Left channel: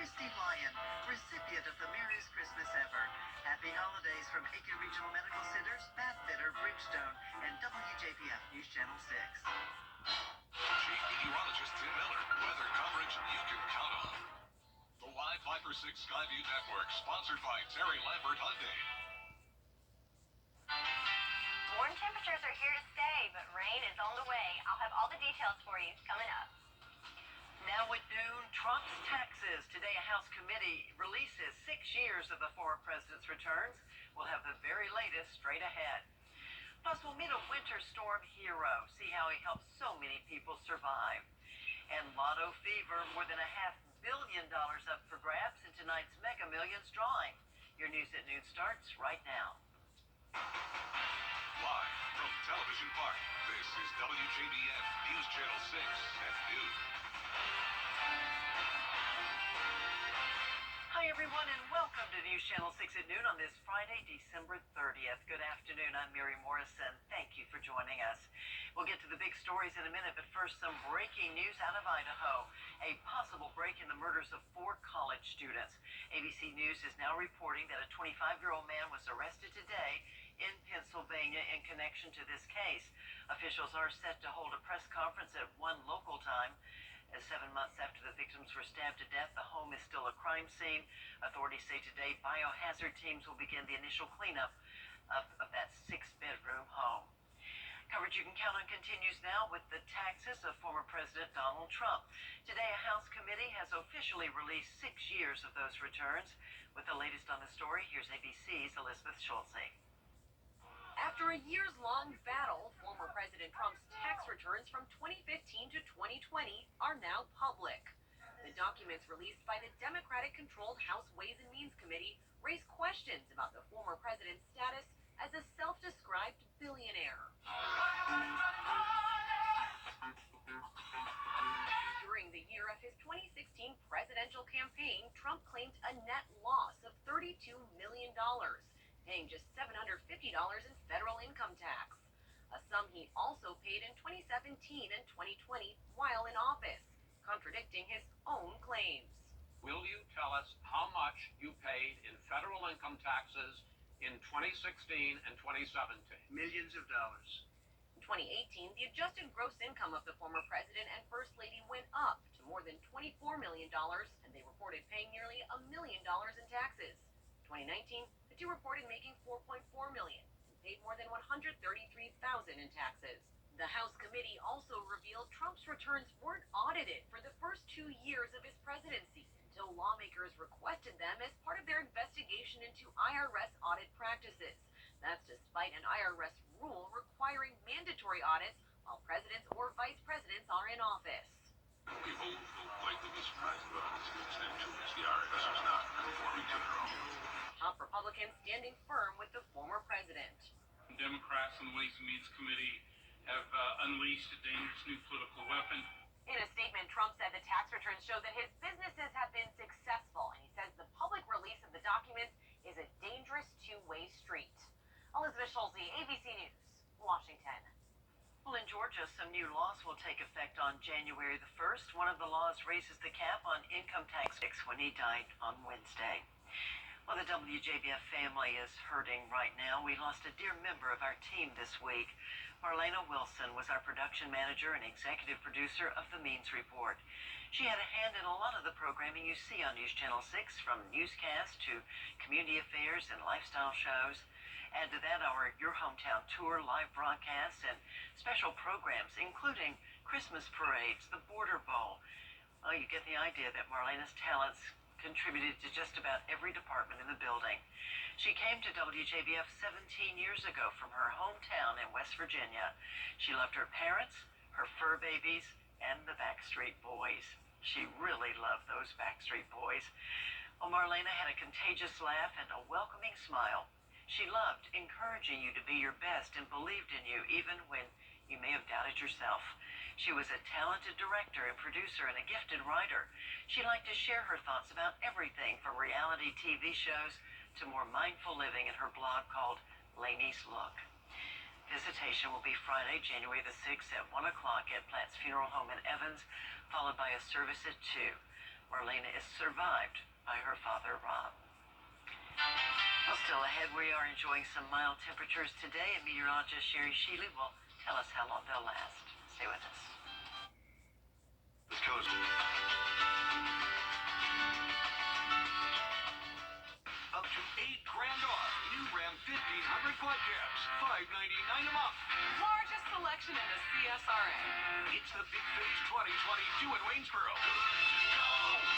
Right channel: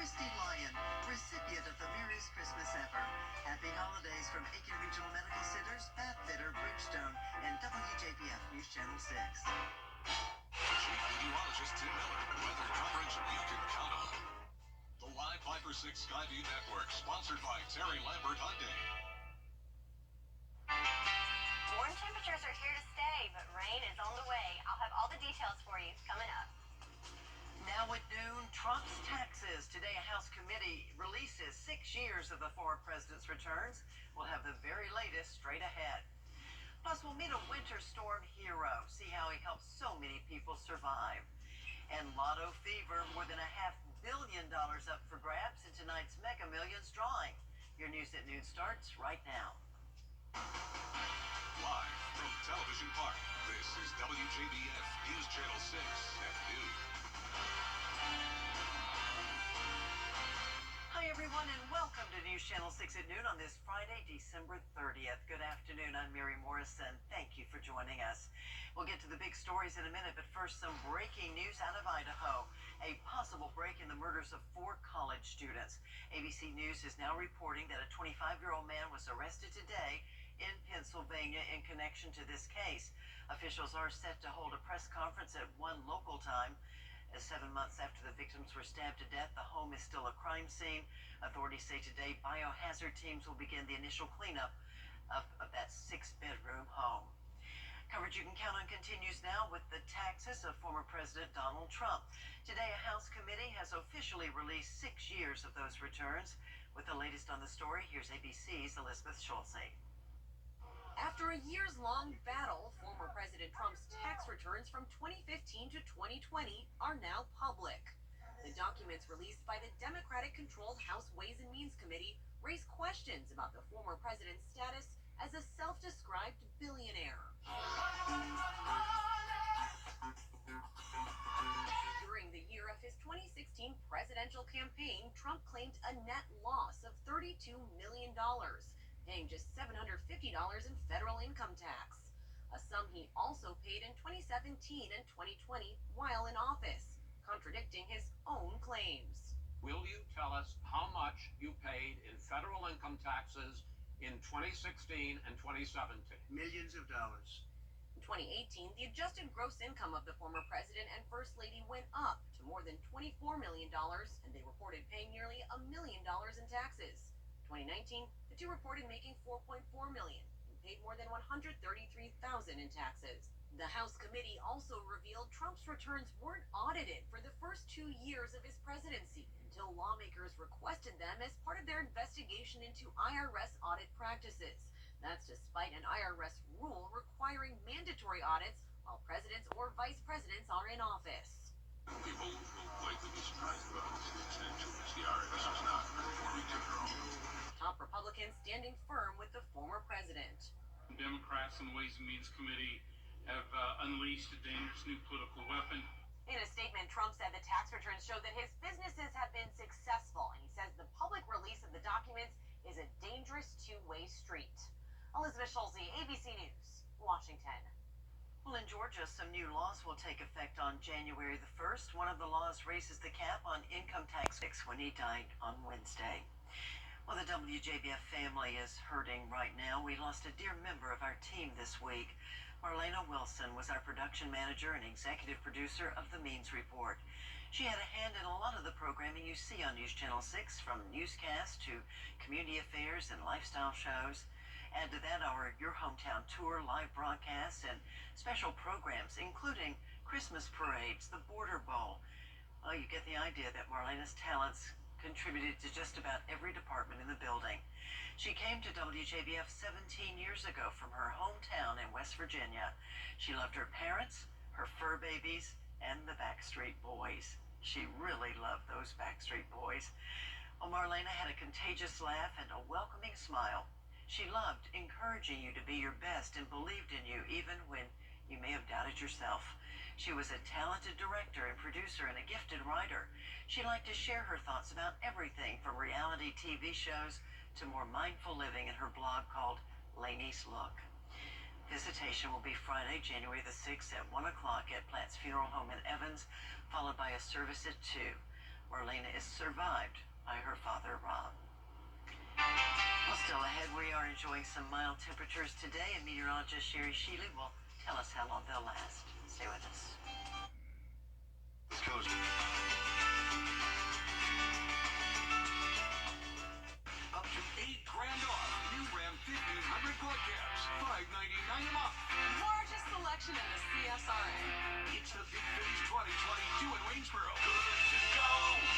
Christine Lyon, recipient of the merriest Christmas ever. Happy holidays from Aiken Regional Medical Centers, Bathfitter, Bridgestone, and Wjbf News Channel 6. Chief Meteorologist Tim Miller. Weather coverage you can count on. The live Viper 6 Skyview Network, sponsored by Terry Lambert Hyundai. Warm temperatures are here to stay, but rain is on the way. I'll have all the details for you coming up. Now at noon, Trump's taxes. Today, a House committee releases 6 years of the former president's returns. We'll have the very latest straight ahead. Plus, we'll meet a winter storm hero, see how he helped so many people survive. And Lotto Fever, more than $500 million up for grabs in tonight's Mega Millions drawing. Your News at Noon starts right now. Live from Television Park, this is WJBF News Channel 6 at noon. Hi, everyone, and welcome to News Channel 6 at noon on this Friday, December 30th. Good afternoon. I'm Mary Morrison. Thank you for joining us. We'll get to the big stories in a minute, but first, some breaking news out of Idaho. A possible break in the murders of 4 college students. ABC News is now reporting that a 25-year-old man was arrested today in Pennsylvania in connection to this case. Officials are set to hold a press conference at 1 local time. 7 months after the victims were stabbed to death, the home is still a crime scene. Authorities say today biohazard teams will begin the initial cleanup of that 6-bedroom home. Coverage you can count on continues now with the taxes of former President Donald Trump. Today, a House committee has officially released 6 years of those returns. With the latest on the story, here's ABC's Elizabeth Schulze. After a years-long battle, former President Trump's tax returns from 2015 to 2020 are now public. The documents released by the Democratic-controlled House Ways and Means Committee raise questions about the former president's status as a self-described billionaire. During the year of his 2016 presidential campaign, Trump claimed a net loss of $32 million. Paying just $750 in federal income tax, a sum he also paid in 2017 and 2020 while in office, contradicting his own claims. Will you tell us how much you paid in federal income taxes in 2016 and 2017? Millions of dollars. In 2018, the adjusted gross income of the former president and first lady went up to more than $24 million, and they reported paying nearly $1 million in taxes. 2019, the two reported making $4.4 million and paid more than $133,000 in taxes. The House committee also revealed Trump's returns weren't audited for the first 2 years of his presidency until lawmakers requested them as part of their investigation into IRS audit practices. That's despite an IRS rule requiring mandatory audits while presidents or vice presidents are in office. People will likely be surprised about this extent to which the IRS is not conforming to their own. Top Republicans standing firm with the former president. Democrats on the Ways and Means Committee have unleashed a dangerous new political weapon. In a statement, Trump said the tax returns show that his businesses have been successful, and he says the public release of the documents is a dangerous two-way street. Elizabeth Schulze, ABC News, Washington. Well, in Georgia, some new laws will take effect on January the 1st. One of the laws raises the cap on income tax when he died on Wednesday. Well, the WJBF family is hurting right now. We lost a dear member of our team this week. Marlena Wilson was our production manager and executive producer of the Means Report. She had a hand in a lot of the programming you see on News Channel 6, from newscasts to community affairs and lifestyle shows. Add to that our Your Hometown Tour, live broadcasts, and special programs, including Christmas parades, the Border Bowl. Well, you get the idea that Marlena's talents contributed to just about every department in the building. She came to WJBF 17 years ago from her hometown in West Virginia. She loved her parents, her fur babies, and the Backstreet Boys. She really loved those Backstreet Boys. Well, Marlena had a contagious laugh and a welcoming smile. She loved encouraging you to be your best and believed in you even when you may have doubted yourself. She was a talented director and producer and a gifted writer. She liked to share her thoughts about everything from reality TV shows to more mindful living in her blog called Laney's Look. Visitation will be Friday, January the 6th at 1 o'clock at Platt's Funeral Home in Evans, followed by a service at 2. Marlena is survived by her father, Rob. Well, still ahead, we are enjoying some mild temperatures today, and meteorologist Sherry Sheely will tell us how long they'll last. Stay with us. This coast. Up to $8,000 off new Ram 1500 quad cabs, $599 a month. Largest selection in the CSRA. It's the Big Finish 2022 in Waynesboro. Good to go.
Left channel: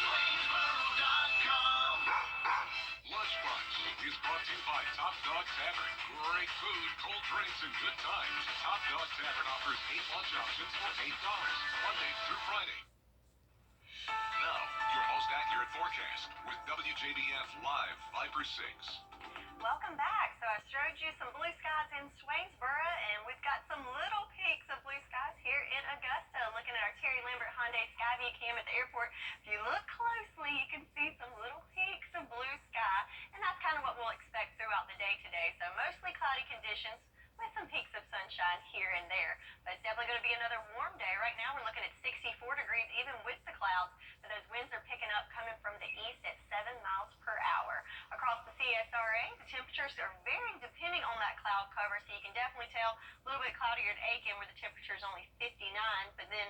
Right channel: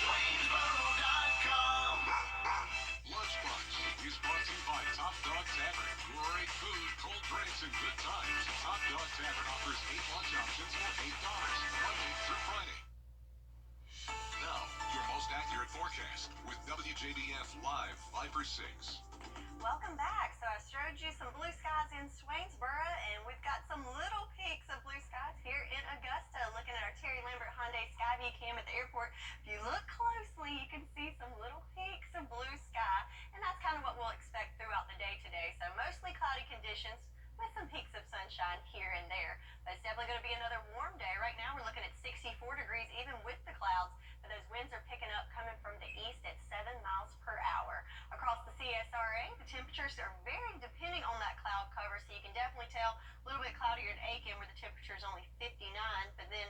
Waynesboro.com. Lunch Bunch is brought to you by Top Dog Tavern. Great food, cold drinks, and good times. Top Dog Tavern offers 8 lunch options for $8, Monday through Friday. Now, your most accurate forecast with WJBF Live 5/6. Welcome back. So I showed you some blue skies in Swainsboro, and we've got some little peaks of blue skies here in Augusta. Looking at our Terry Lambert Hyundai Skyview cam at the airport, if you look closely, you can see some little peaks of blue sky, and that's kind of what we'll expect throughout the day today. So mostly cloudy conditions with some peaks of sunshine here and there. But it's definitely going to be another warm day. Right now we're looking at 64 degrees even with the clouds, but those winds are picking up coming from the east at 7 miles per hour. Across the CSRA, the temperatures are varying depending on that cloud cover, so you can definitely tell a little bit cloudier at Aiken where the temperature is only 59, but then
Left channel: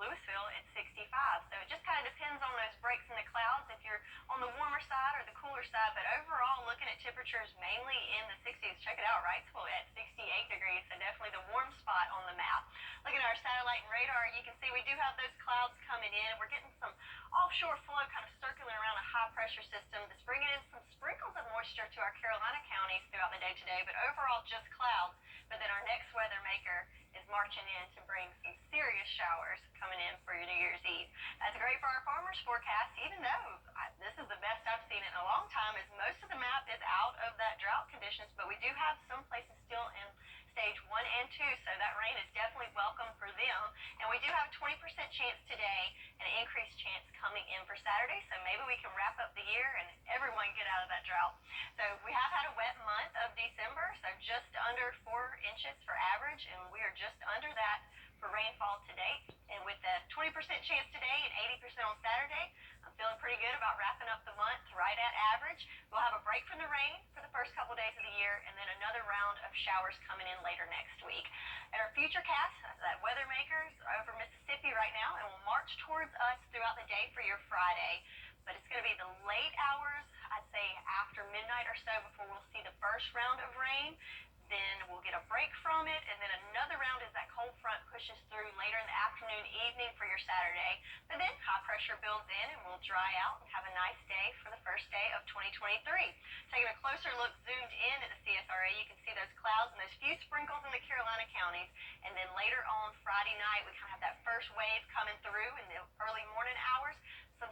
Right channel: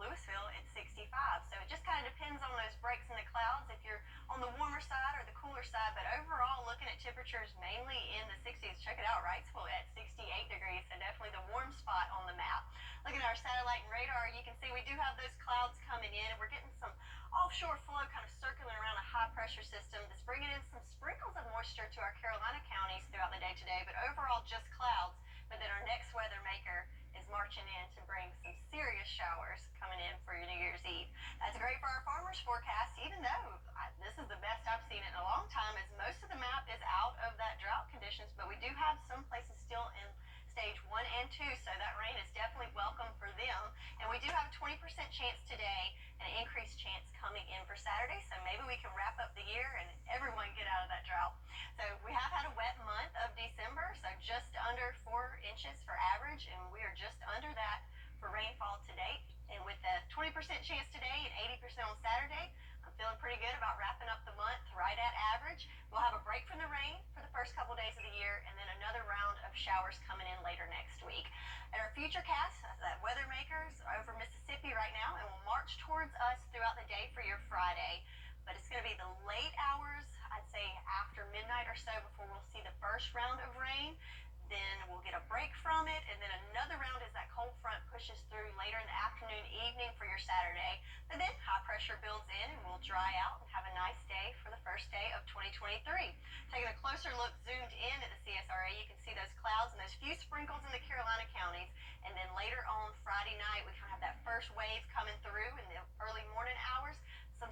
Louisville at 65. So it just kind of depends on those breaks in the clouds if you're on the warmer side or the cooler side. But overall, looking at temperatures mainly in the 60s. Check it out, Wrightsville at 68 degrees, so definitely the warm spot on the map. Looking at our satellite and radar, you can see we do have those clouds coming in. We're getting some offshore flow kind of circling around a high pressure system that's bringing in some sprinkles of moisture to our Carolina counties throughout the day today, but overall just clouds. But then our next weather maker is marching in to bring some serious showers coming in for your New Year's Eve. That's great for our farmers forecast, even though this is the best I've seen in a long time, as most of the map is out of that drought conditions, but we do have some places still in stage 1 and 2, so that rain is definitely welcome for them. And we do have a 20% chance today and an increased chance coming in for Saturday, so maybe we can wrap up the year and everyone get out of that drought. So we have had a wet month of December, so just under 4 inches for average, and we are just under that for rainfall to date. And with the 20% chance today and 80% on Saturday, I'm feeling pretty good about wrapping up the month right at average. We'll have a break from the rain for the first couple days of the year, and then another round of showers coming in later next week. At our futurecast, that weather makers are over Mississippi right now and will march towards us throughout the day for your Friday. But it's going to be the late hours, I'd say after midnight or so, before we'll see the first round of rain. Then we'll get a break from it, and then another round as that cold front pushes through later in the afternoon, evening for your Saturday. But then high pressure builds in and we'll dry out and have a nice day for the first day of 2023. Taking a closer look zoomed in at the CSRA, you can see those clouds and those few sprinkles in the Carolina counties. And then later on Friday night, we kind of have that first wave coming through in the early morning hours. Some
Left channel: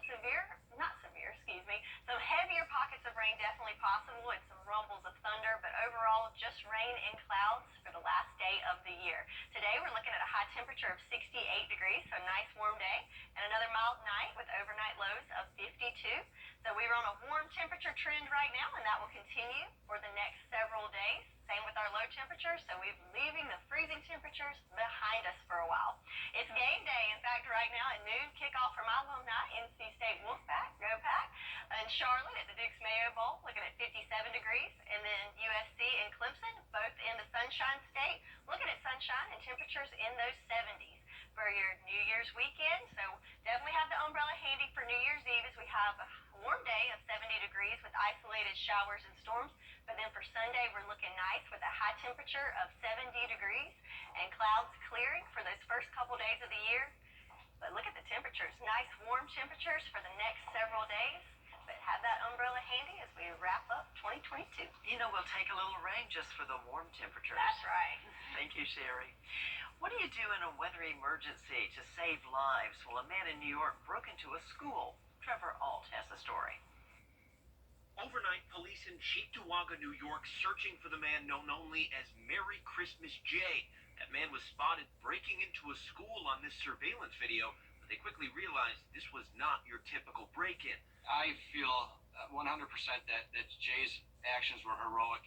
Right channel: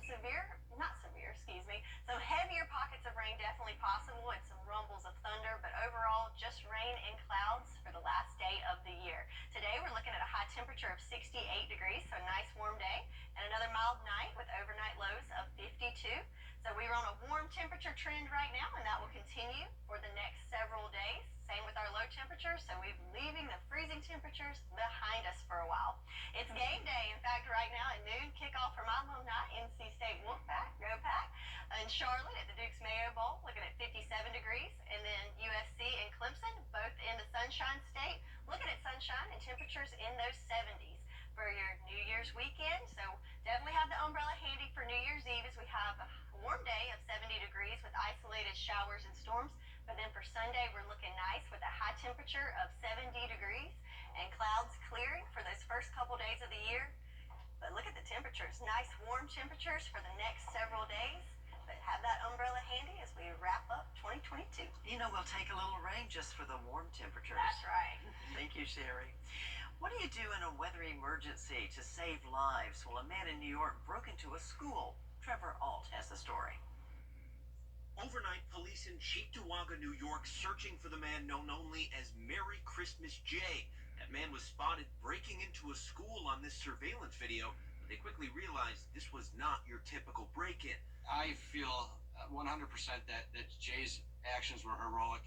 heavier pockets of rain definitely possible, and some rumbles of thunder, but overall just rain and clouds for the last day of the year. Today we're looking at a high temperature of 68 degrees, so a nice warm day, and another mild night with overnight lows of 52. So we're on a warm temperature trend right now, and that will continue for the next several days. Same with our low temperatures, so we're leaving the freezing temperatures behind us for a while. It's game day. In fact, right now at noon, kickoff for my alumni, NC State Wolfpack, go Pack, in Charlotte at the Dukes Mayo Bowl, looking at 57 degrees, and then USC and Clemson, both in the Sunshine State, looking at sunshine and temperatures in those 70s for your New Year's weekend. So definitely have the umbrella handy for New Year's Eve, as we have a warm day of 70 degrees with isolated showers and storms. But then for Sunday, we're looking nice with a high temperature of 70 degrees and clouds clearing for those first couple days of the year. But look at the temperatures, nice warm temperatures for the next several days. But have that umbrella handy as we wrap up 2022. You know, we'll take a little rain just for the warm temperatures. That's right. Thank you, Sherry. What do you do in a weather emergency to save lives? Well, a man in New York broke into a school. Trevor Alt has the story. Overnight, police in Cheektowaga, New York, searching for the man known only as Merry Christmas Jay. That man was spotted breaking into a school on this surveillance video, but they quickly realized this was not your typical break-in. I feel 100% that Jay's actions were heroic.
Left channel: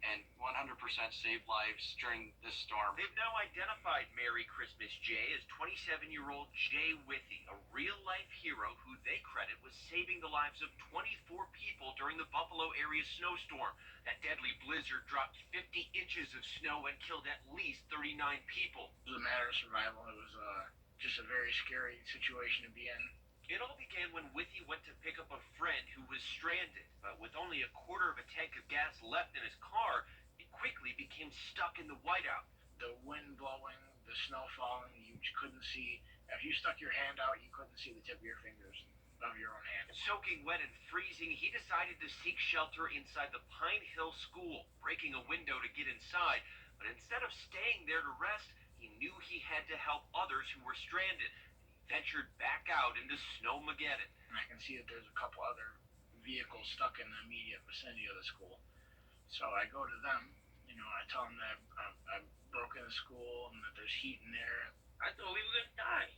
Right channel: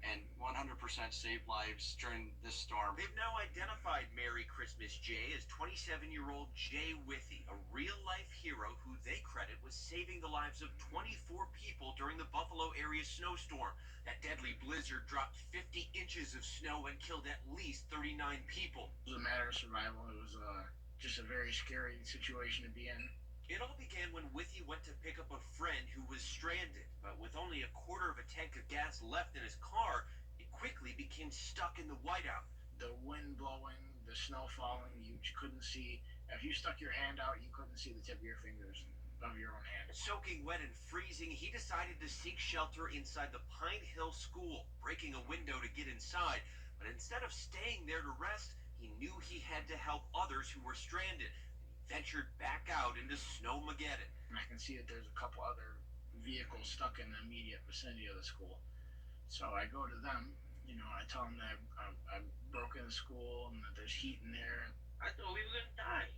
and 100% saved lives during this storm. They've now identified Merry Christmas Jay as 27-year-old Wjbf, a real-life hero who they credit with saving the lives of 24 people during the Buffalo area snowstorm. That deadly blizzard dropped 50 inches of snow and killed at least 39 people. It was a matter of survival. It was just a very scary situation to be in. It all began when Withy went to pick up a friend who was stranded, but with only a quarter of a tank of gas left in his car, it quickly became stuck in the whiteout. The wind blowing, the snow falling, you couldn't see. If you stuck your hand out, you couldn't see the tip of your fingers of your own hand. Soaking wet and freezing, he decided to seek shelter inside the Pine Hill School, breaking a window to get inside. But instead of staying there to rest, he knew he had to help others who were stranded. Ventured back out into Snowmageddon. And I can see that there's a couple other vehicles stuck in the immediate vicinity of the school. So I go to them, I tell them that I've broken the school and that there's heat in there. I thought we were gonna die.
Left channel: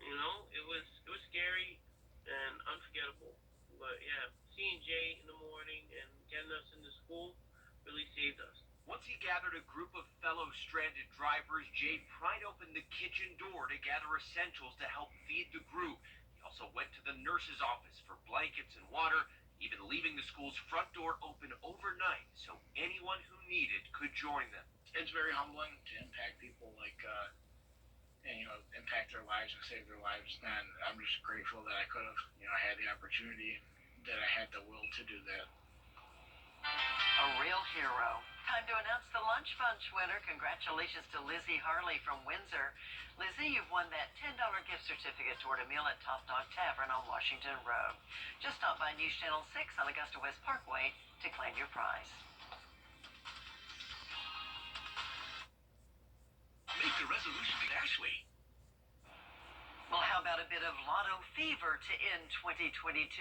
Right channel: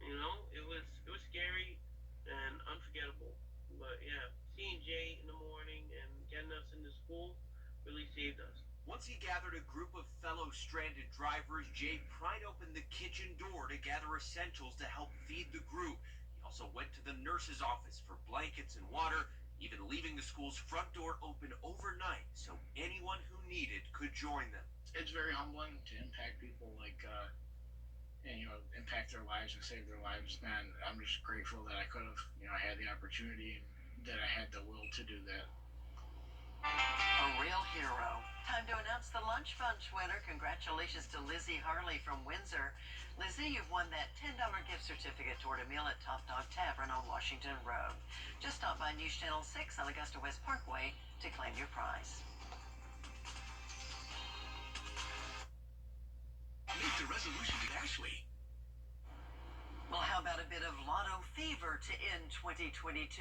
It was scary and unforgettable. But yeah, seeing Jay in the morning and getting us into school really saved us. Once he gathered a group of fellow stranded drivers, Jay pried open the kitchen door to gather essentials to help feed the group. He also went to the nurse's office for blankets and water, even leaving the school's front door open overnight so anyone who needed could join them. It's very humbling to impact people impact their lives and save their lives. And I'm just grateful that I could have, had the opportunity and that I had the will to do that. A real hero. Time to announce the Lunch Bunch winner. Congratulations to Lizzie Harley from Windsor. Lizzie, you've won that $10 gift certificate toward a meal at Top Dog Tavern on Washington Road. Just stop by News Channel 6 on Augusta West Parkway to claim your prize. Make the resolution with Ashley. Well, how about a bit of lotto fever to end 2022?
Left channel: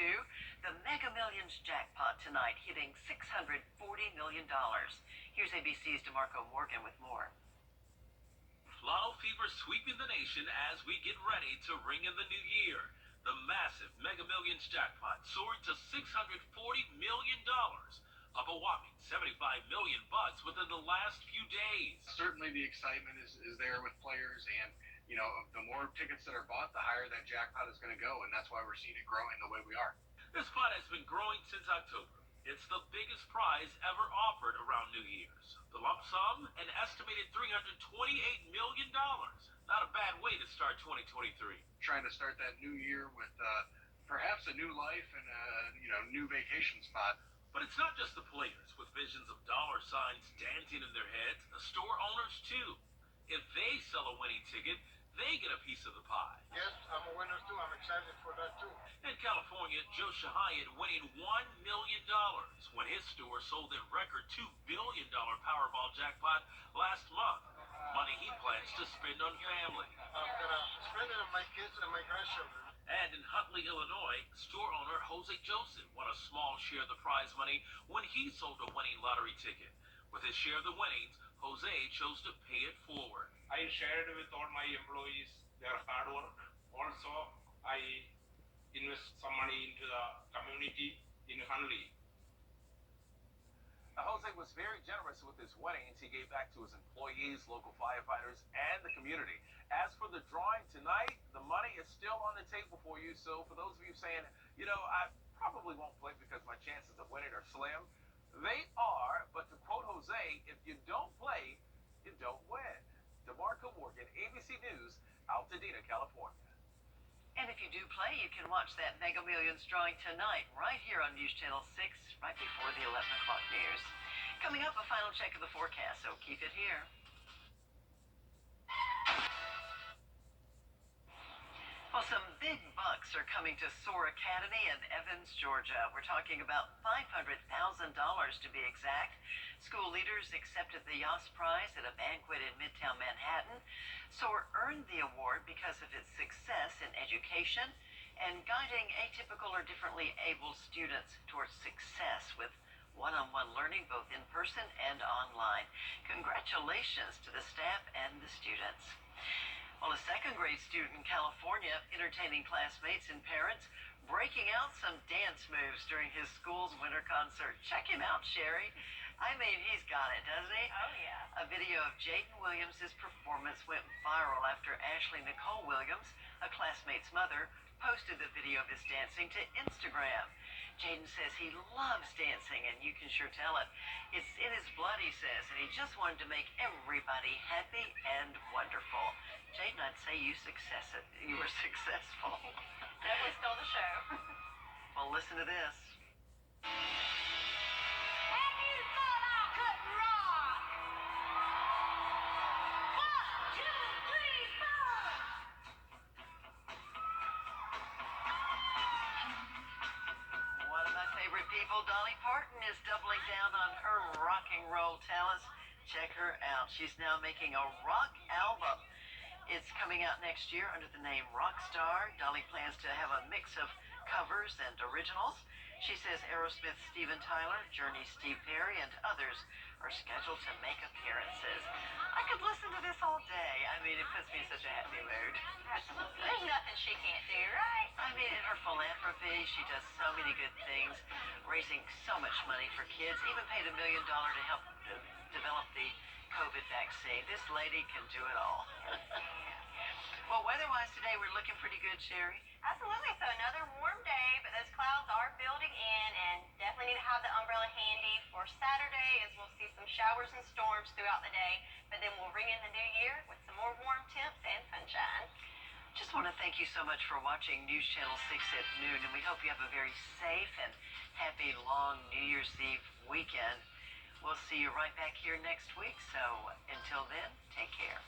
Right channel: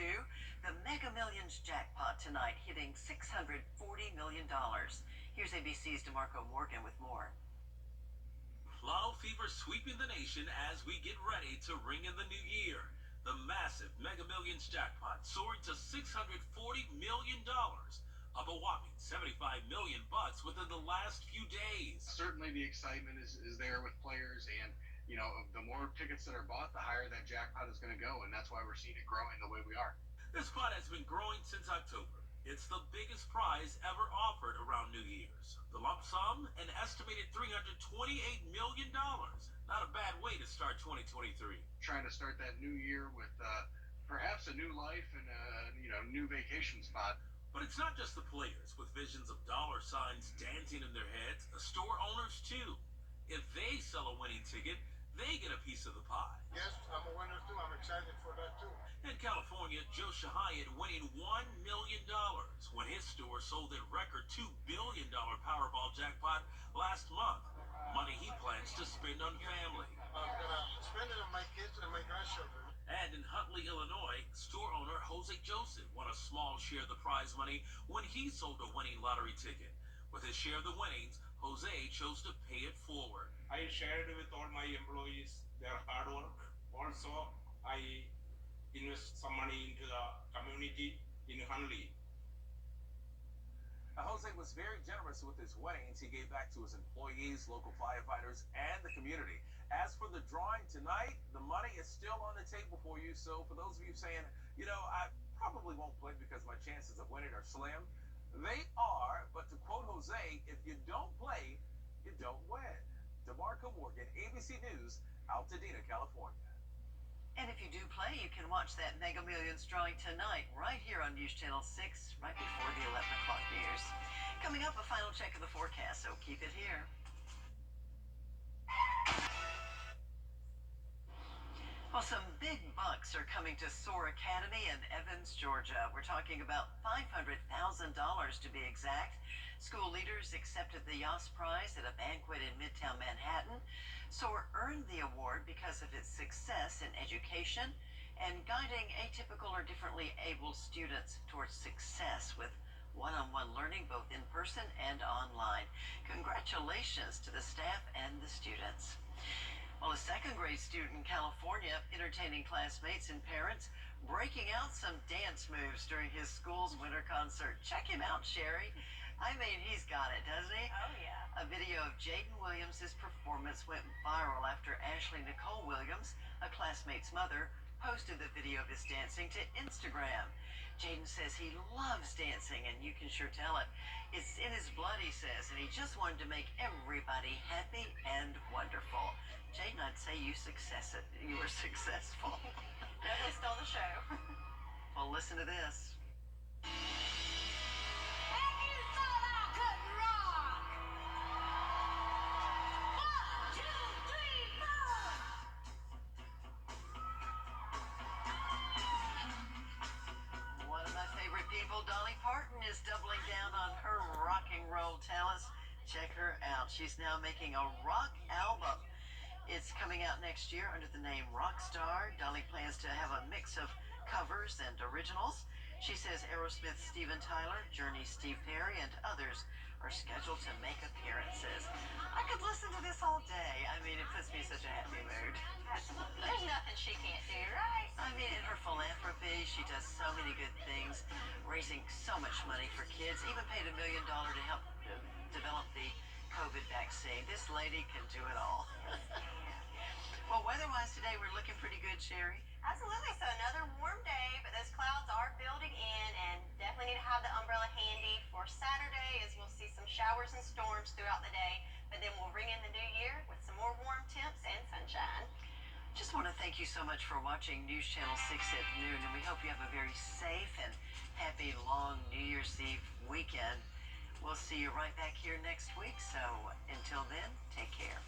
The Mega Millions jackpot tonight hitting $640 million. Here's ABC's DeMarco Morgan with more. Lotto fever sweeping the nation as we get ready to ring in the new year. The massive Mega Millions jackpot soaring to $640 million, up a whopping $75 million within the last few days. Certainly the excitement is there with players, and the more tickets that are bought, the higher that jackpot is going to go, and that's why we're seeing it growing the way we are. This pot has been growing since October. It's the biggest prize ever offered around New Year's. The lump sum, an estimated $328 million. Not a bad way to start 2023. Trying to start that new year with perhaps a new life and a new vacation spot. But it's not just the players with visions of dollar signs dancing in their heads. The store owners, too. If they sell a winning ticket, they get a piece of the pie. Yes, I'm a winner, too. I'm excited for that, too. In California, Joe Shahayat winning $1 million when his store sold their record $2 billion Powerball jackpot last month. Money he plans to spend on family. I'm going to spend it on my kids and my grandchildren. And in Huntley, Illinois, store owner Jose Joseph won a small share of the prize money when he sold a winning lottery ticket. With his share of the winnings, Jose chose to pay it forward. I shared with all my employees their hard work. Also, I invest some money into the community in Huntley. Jose was very generous with his winnings. He gave back to his employees, local firefighters, and the community. As for the drawing tonight, the money is still on the table for you. So for those of you saying, I probably won't play because my chances of winning are slim, they are. But to quote Jose, if you don't play, you don't win. DeMarco Morgan, ABC News, Altadena, California. And if you do play, you can watch that Mega Millions drawing tonight right here on News Channel 6, right before the 11 o'clock news. Coming up, a final check of the forecast, so keep it here. Well, some big bucks are coming to SOAR Academy in Evans, Georgia. We're talking about $500,000 to be exact. School leaders accepted the Yoss Prize at a banquet in Midtown Manhattan. SOAR earned the award because of its success in education and guiding atypical or differently able students towards success with one-on-one learning both in person and online. Congratulations to the staff and the students. Well, a second grade student in California entertaining classmates and parents, breaking out some dance moves during his school's winter concert. Check him out, Sherry. I mean, he's got it, doesn't he? Oh, yeah. A video of Jaden Williams' performance went viral after Ashley Nicole Williams, a classmate's mother, posted the video of his dancing to Instagram. Jaden says he loves dancing, and you can sure tell it. It's in his blood, he says, and he just wanted to make everybody happy and wonderful. Jaden, I'd say you were successful. Definitely stole the show. Well, listen to this. One of my favorite people, Dolly Parton, is doubling down on her rock and roll talents. Check her out. She's now making a rock album. It's coming out next year under the name Rockstar. Dolly plans to have a mix of covers and originals. She says Aerosmith's Steven Tyler, Journey's Steve Perry, and others are scheduled to make appearances. I could listen to this all day. I mean, it puts me in such a happy mood. Absolutely. There's nothing she can't do, right? I mean, in her philanthropy, she does so many good things, raising so much money for kids, even paid $1 million to help develop the COVID vaccine. This lady can do it all. Well, weather-wise today, we're looking pretty good, Sherry. Absolutely. So another warm day, but those clouds are building in, and definitely need to have the umbrella handy for Saturday, as we'll see some showers and storms throughout the day. But then we'll ring in the new year with some more warm temps and sunshine. Just want to thank you so much for watching News Channel 6 at noon, and we hope you have a very safe and happy long New Year's Eve weekend. We'll see you right back here next week, so until then, take care.